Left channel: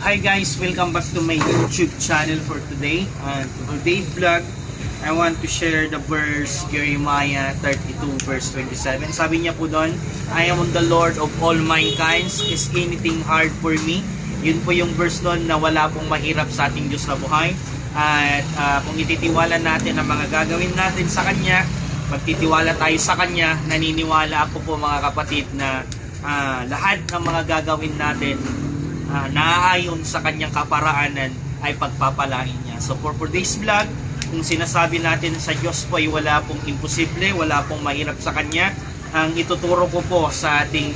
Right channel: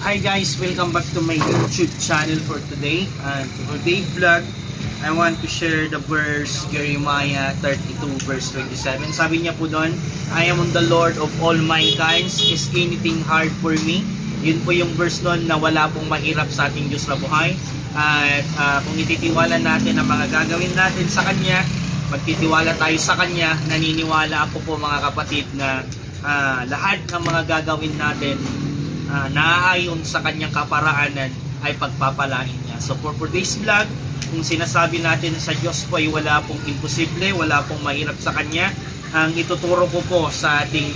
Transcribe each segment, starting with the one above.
Hi guys, welcome back to my YouTube channel for today. For today's vlog, I want to share the verse Jeremiah 32 verse 27. Sabi niya po doon, I am on the Lord of all mankind. Is anything hard for me? Yun po yung verse doon na wala pong mahirap sa ating Diyos na buhay. At kung ititiwala natin ang mga gagawin natin sa Kanya, magtitiwala tayo sa Kanya, naniniwala ako po mga kapatid na lahat ng mga gagawin natin naaayon sa Kanyang kaparaanan ay pagpapalain niya. So for today's vlog, kung sinasabi natin sa Diyos po ay wala pong imposible, wala pong mahirap sa Kanya, ang ituturo ko po sa ating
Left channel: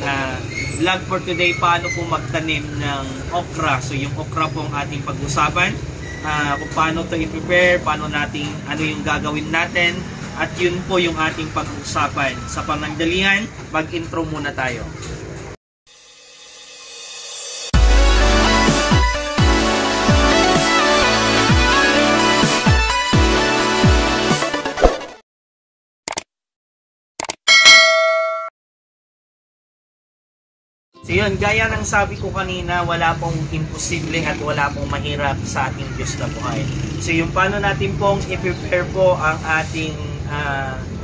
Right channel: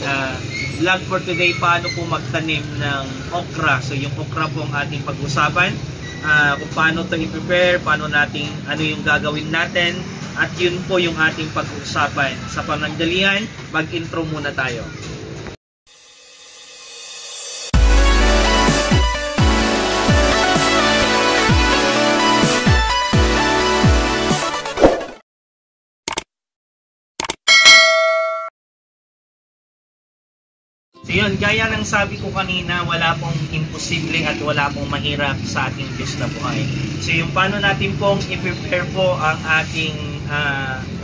vlog for today, paano po magtanim ng okra. So yung okra po ang ating pag-usapan, kung paano ito i-prepare, paano natin, ano yung gagawin natin, at yun po yung ating pag-usapan. Sa panandalian, mag-intro muna tayo. So yun, gaya ng sabi ko kanina, wala pong imposible at wala pong mahirap sa ating Diyos na buhay. So yung paano natin pong i-prepare po ang ating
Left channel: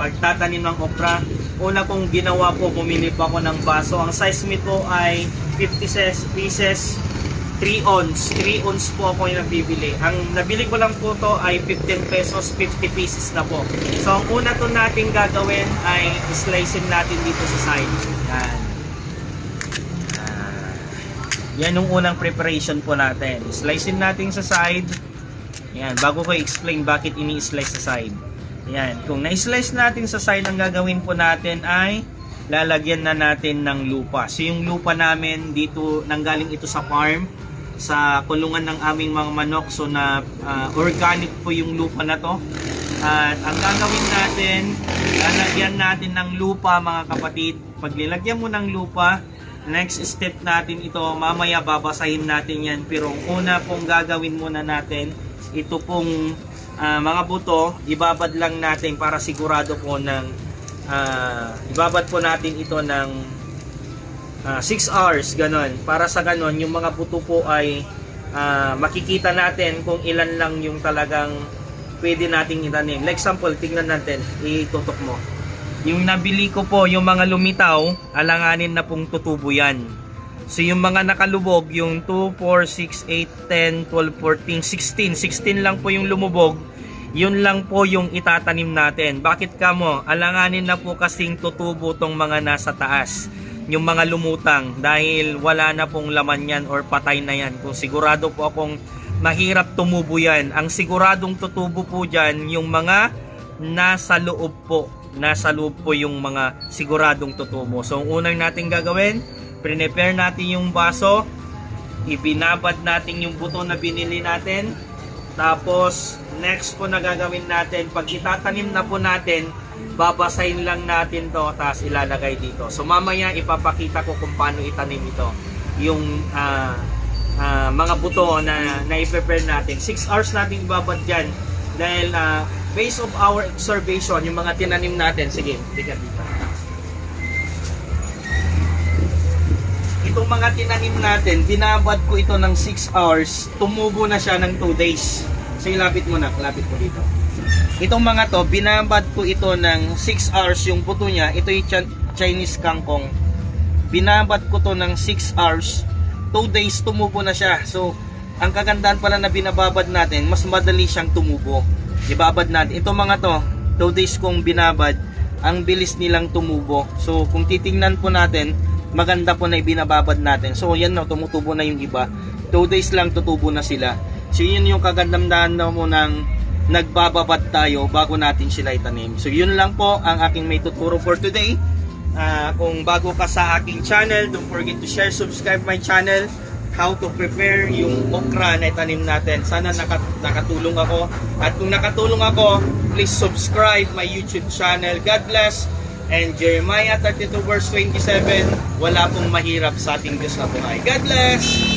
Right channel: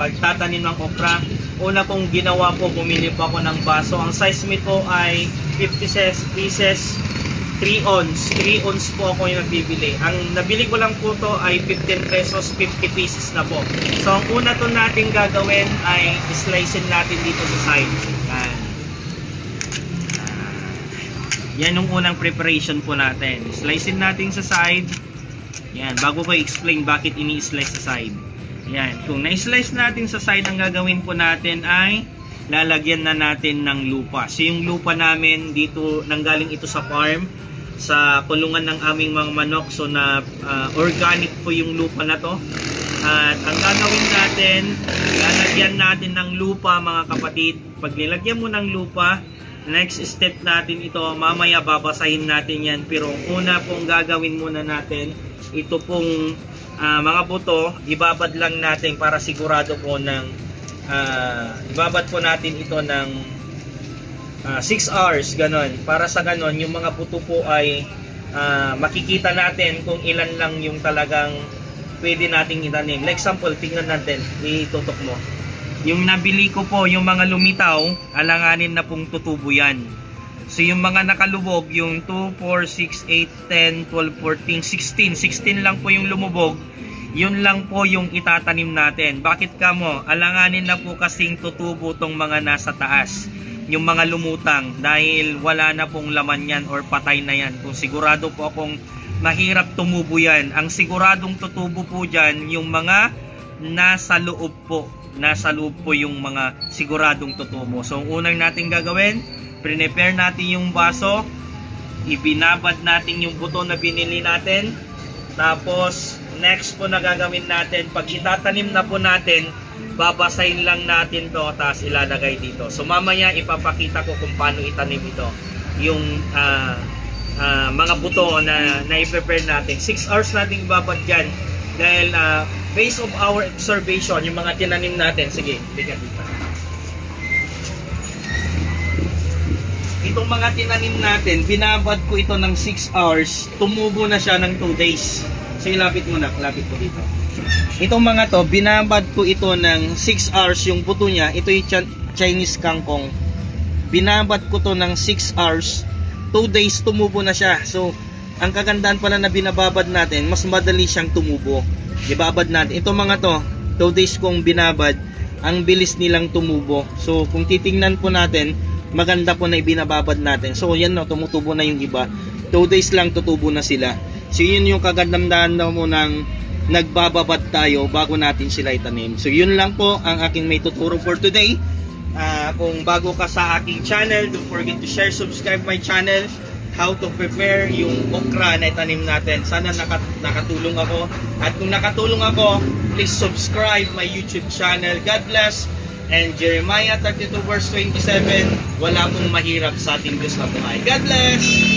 pagtatanim ng okra. Una kong ginawa po, bumili po ako ng baso. Ang size nito po ay 50 pieces, 3 ounce. 3 ounce po ako yung nagbibili. Ang nabili ko lang po to ay 15 pesos, 50 pieces na po. So ang una to natin gagawin ay slicein natin dito sa side. Yan yung unang preparation po natin. Slicein natin sa side. Yan, bago ko i-explain bakit ini-slice sa side. Yan, kung na-slice natin sa side, ang gagawin po natin ay lalagyan na natin ng lupa. So yung lupa namin dito, nanggaling ito sa farm, sa kulungan ng aming mga manok. So na organic po yung lupa na to. At ang gagawin natin, lalagyan natin ng lupa mga kapatid. Pag nilagyan mo ng lupa, next step natin ito, mamaya babasahin natin yan, pero una pong gagawin muna natin, ito pong mga buto, ibabad lang natin para sigurado po ng ibabad po natin ito ng 6 hours, ganon, para sa ganon, yung mga buto po ay makikita natin kung ilan lang yung talagang pwede nating itanim. Like example, tingnan natin, itutok mo. Yung nabili ko po, yung mga lumitaw, alanganin na pong tutubo yan. So yung mga nakalubog, yung 2, 4, 6, 8, 10, 12, 14, 16. 16 lang po yung lumubog. Yun lang po yung itatanim natin. Bakit kamo? Alanganin na po kasing tutubo tong mga nasa taas. Yung mga lumutang. Dahil wala na pong laman yan or patay na yan. Kung sigurado po akong mahirap tumubo yan. Ang siguradong tutubo po dyan, yung mga nasa loob po. Nasa loob po yung mga siguradong tutubo. So, ang unang natin gagawin, prepare natin yung baso, ibinabad natin yung buto na binili natin, tapos, next po na gagawin natin, pag itatanim na po natin, babasahin lang natin to, tapos ilalagay dito. So, mamaya ipapakita ko kung paano itanim ito. Yung mga buto na i-prepare natin. 6 hours natin ibabad dyan. Dahil, based of our observation, yung mga tinanim natin, sige, bigat dito. Itong mga tinanim natin, binabad ko ito ng 6 hours, tumubo na siya ng 2 days. So, ilapit mo na, lapit ko dito. Itong mga to, binabad ko ito ng 6 hours, yung buto niya, ito yung Chinese kangkong. Binabad ko to ng 6 hours, 2 days, tumubo na siya. So, ang kagandahan pala na binababad natin, mas madali siyang tumubo. Ibabad natin. Ito mga to, 2 days kong binabad, ang bilis nilang tumubo. So, kung titingnan po natin, maganda po na ibinababad natin. So, yan no, tumutubo na yung iba. 2 days lang tutubo na sila. So, yun yung kagandahan na mo ng nagbababad tayo bago natin sila itanim. So, yun lang po ang aking may tuturo for today. Kung bago ka sa aking channel, don't forget to share, subscribe my channel. How to prepare yung okra na itanim natin. Sana nakatulong ako. At kung nakatulong ako, please subscribe my YouTube channel. God bless. And Jeremiah 32 verse 27, wala pong mahirap sa ating Diyos na buhay. God bless!